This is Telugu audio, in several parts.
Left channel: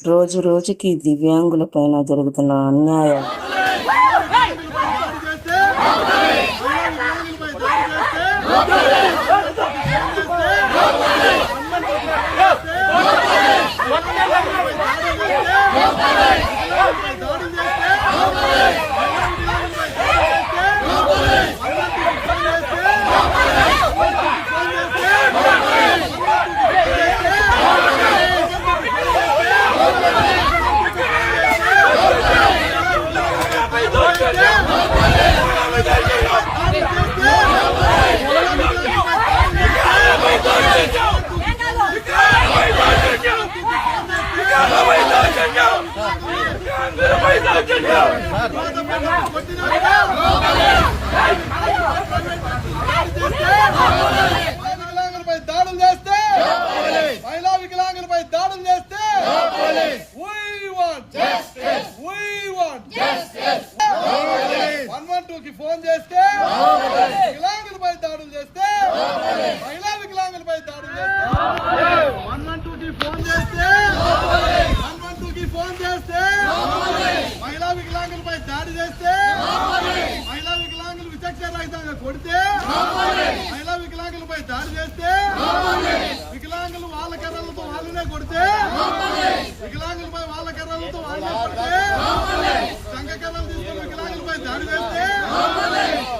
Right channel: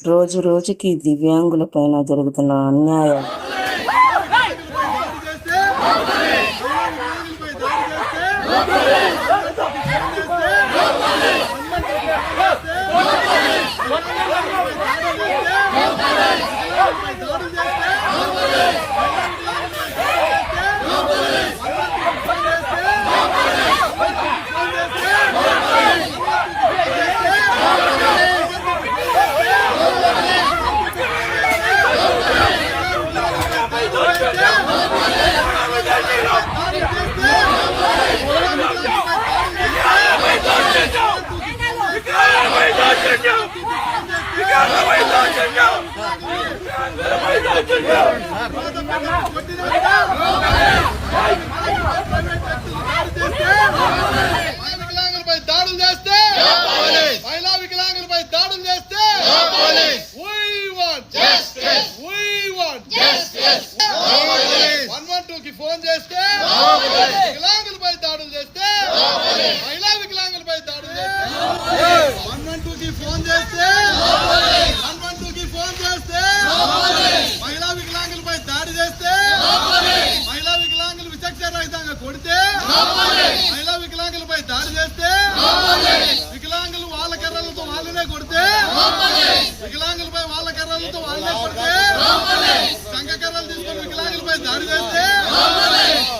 రోజు రోజుకి దివ్యాంగులపైన జరుగుతున్న అన్యాయం వికలాంగులపై దాడులు చేస్తే మహిళా వికలాంగులపై దాడులు చేస్తే we want justice 112 కి ఫోన్ చేస్తే వికలాంగులపై దాడులు చేస్తే మహిళా వికలాంగులపై దాడులు చేస్తే 112 కి ఫోన్ చేస్తే 112 కి ఫోన్ చేస్తే మహిళా వికలాంగులపై దాడి చేస్తే మహిళా వికలాంగులు విచక్షణ రహితంగా కొడితే మహిళా వికలాంగులపై దాడి చేస్తే వికలాంగులు వాళ్ళ కర్రలతో వాళ్ళనే కొడితే వికలాంగులపై వాళ్ళ కర్రలతో వాళ్ళనే కొడితే సంఘ కర్రలు తీసుకొని వికలాంగులపై దాడి చేస్తే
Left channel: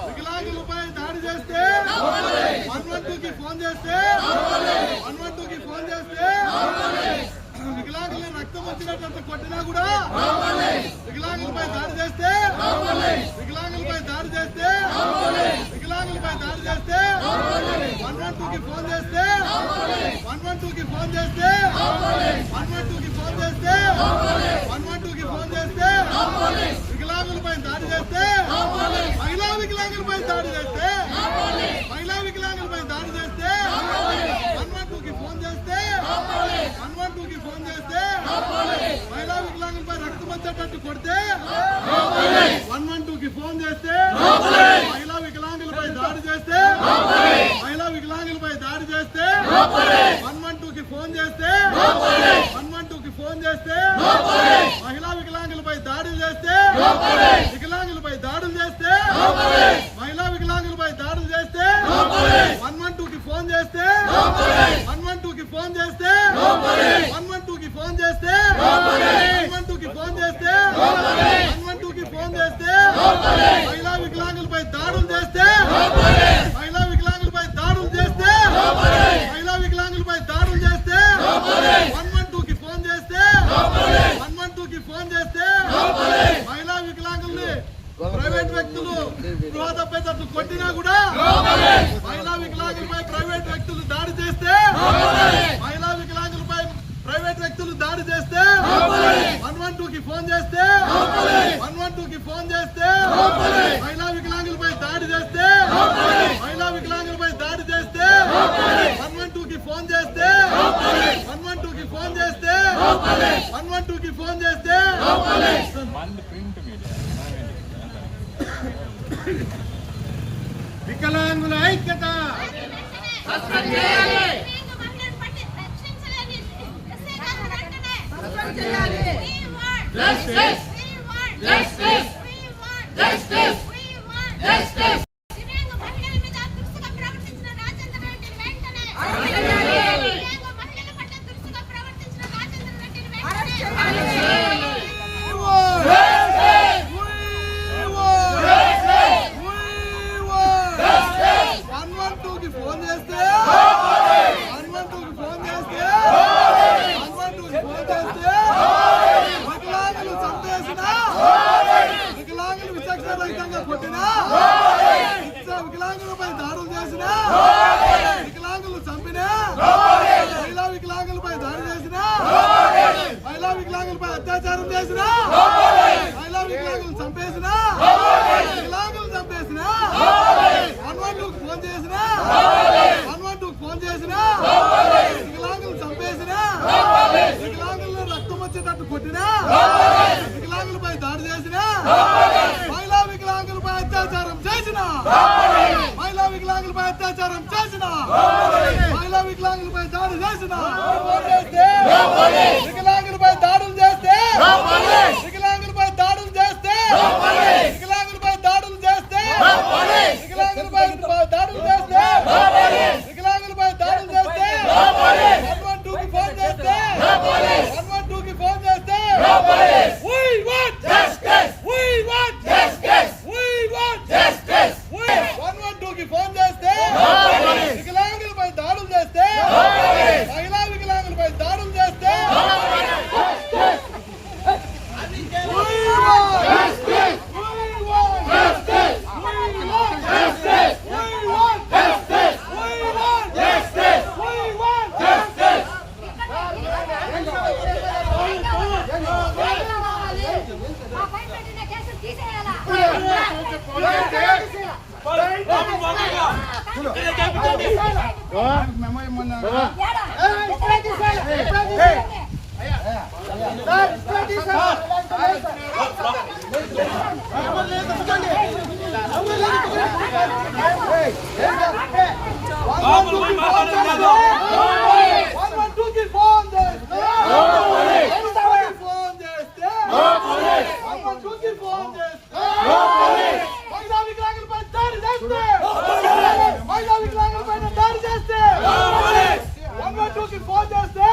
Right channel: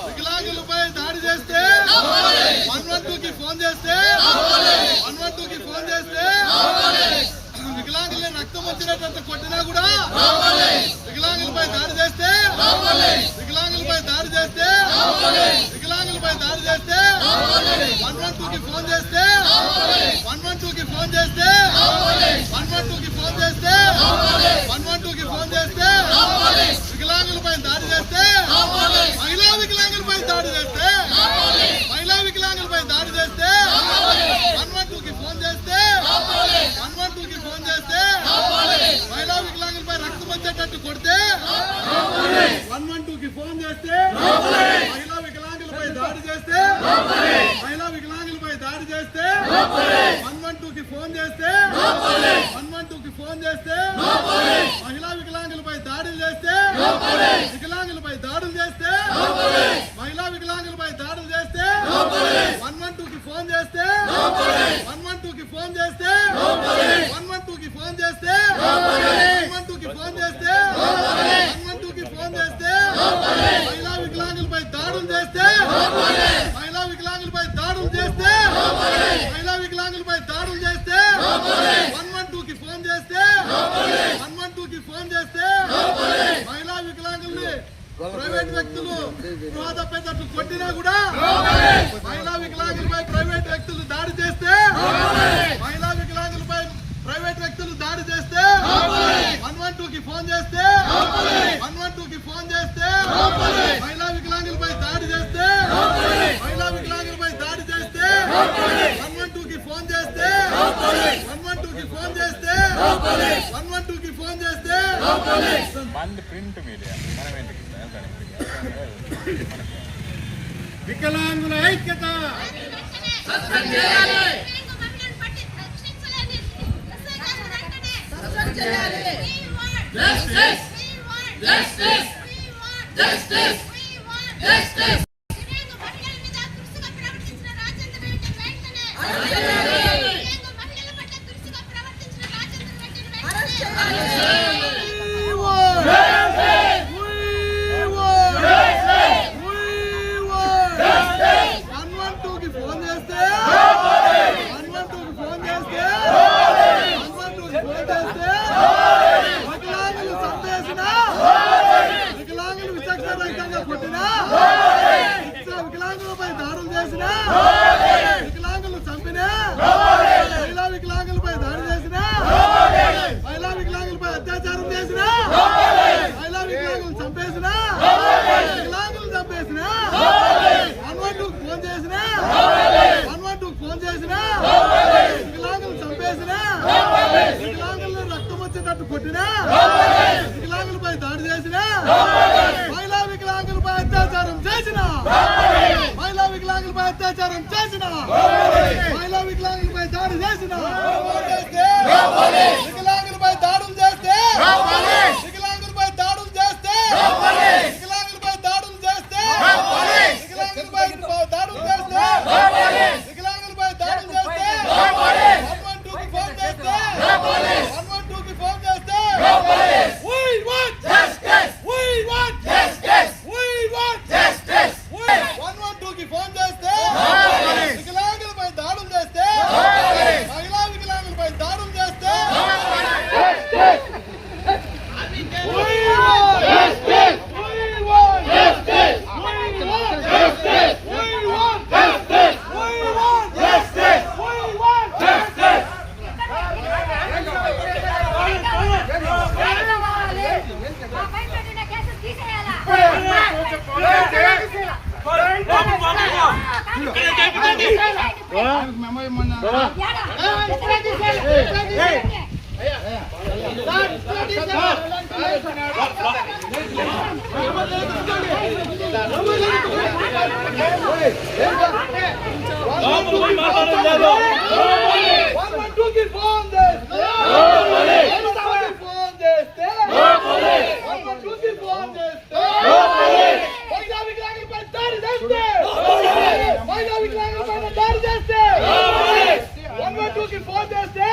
వికలాంగులపై దాడి చేస్తే 112 కి ఫోన్ చేస్తే 112 కి ఫోన్ చేస్తే వికలాంగుల్ని రక్తం వచ్చినట్టు కొట్టినా కూడా వికలాంగులపై దాడి చేస్తే వికలాంగులపై దాడి చేస్తే వికలాంగులపై దాడి చేస్తే 112 కి ఫోన్ చేస్తే 112 కి ఫోన్ చేస్తే 112 కి ఫోన్ చేస్తే 112 కి ఫోన్ చేస్తే వికలాంగులపై దాడి చేస్తే మహిళా వికలాంగులపై దాడి చేస్తే మహిళా వికలాంగులపై దాడి చేస్తే 112 కి ఫోన్ చేస్తే 112 కి ఫోన్ చేస్తే మహిళా వికలాంగులపై రక్తం వచ్చేటట్టు కొడితే 112 కి ఫోన్ చేస్తే మహిళా వికలాంగులపై దాడి చేస్తే మహిళా వికలాంగులపై దాడి చేస్తే 112 కి ఫోన్ చేస్తే 112 కి ఫోన్ చేస్తే మహిళా వికలాంగులపై దాడులు చేస్తే వికలాంగులపై దాడులు చేస్తే మహిళా వికలాంగులపై దాడులు చేస్తే 112 కి ఫోన్ చేస్తే 112 కి ఫోన్ చేస్తే 112 కి ఫోన్ చేస్తే 112 కి ఫోన్ చేస్తే 112 కి ఫోన్ చేస్తే మహిళా వికలాంగులపై దాడులు చేస్తే మహిళా వికలాంగులపై దాడులు చేస్తే మహిళా వికలాంగులపై దాడులు చేస్తే 112 కి ఫోన్ చేస్తే 112 కి ఫోన్ చేస్తే మహిళా వికలాంగుల్ని ప్రైవేట్ వ్యక్తులు గృహ తప్పేటట్లు కొట్టినా కూడా మహిళా వికలాంగులపై ప్రైవేట్ వ్యక్తులు దాడి చేస్తే మహిళా వికలాంగులపై ప్రైవేట్ వ్యక్తులు దాడి చేస్తే 112 కి ఫోన్ చేస్తే 112 కి ఫోన్ చేస్తే మహిళా వికలాంగులపై దాడి చేస్తే మహిళా వికలాంగులపై దాడి చేస్తే 112 కి ఫోన్ చేస్తే 112 కి ఫోన్ చేస్తే 112 కి ఫోన్ చేస్తే వికలాంగుల ఐక్యత ఫోన్ చేస్తే 112 కి ఫోన్ చేస్తే 112 కి ఫోన్ చేస్తే వికలాంగులు చంపేసిన వికలాంగులు విచక్షణ రహితంగా కొట్టినా వికలాంగులపై దాడులు చేసిన వికలాంగులు చంపిన మహిళా వికలాంగులపై దాడి చేసిన మహిళా వికలాంగులపై అత్యాచారం చేసిన మహిళా వికలాంగులు చంపేసిన వికలాంగులు చంపేసిన 112 కి ఫోన్ చేసిన 112 కి ఫోన్ చేసిన వికలాంగులు చంపేసిన వికలాంగులను రక్తం వచ్చేటట్టు కొట్టినా వికలాంగులపై దాడి చేసిన మహిళా వికలాంగులపై అత్యాచారం చేసిన మహిళా వికలాంగులపై అత్యాచారం చేసిన మహిళా వికలాంగులపై దాడి చేసిన వికలాంగులపై దాడులు మెమో ఇమ్మన్నా ఫోన్ చేస్తే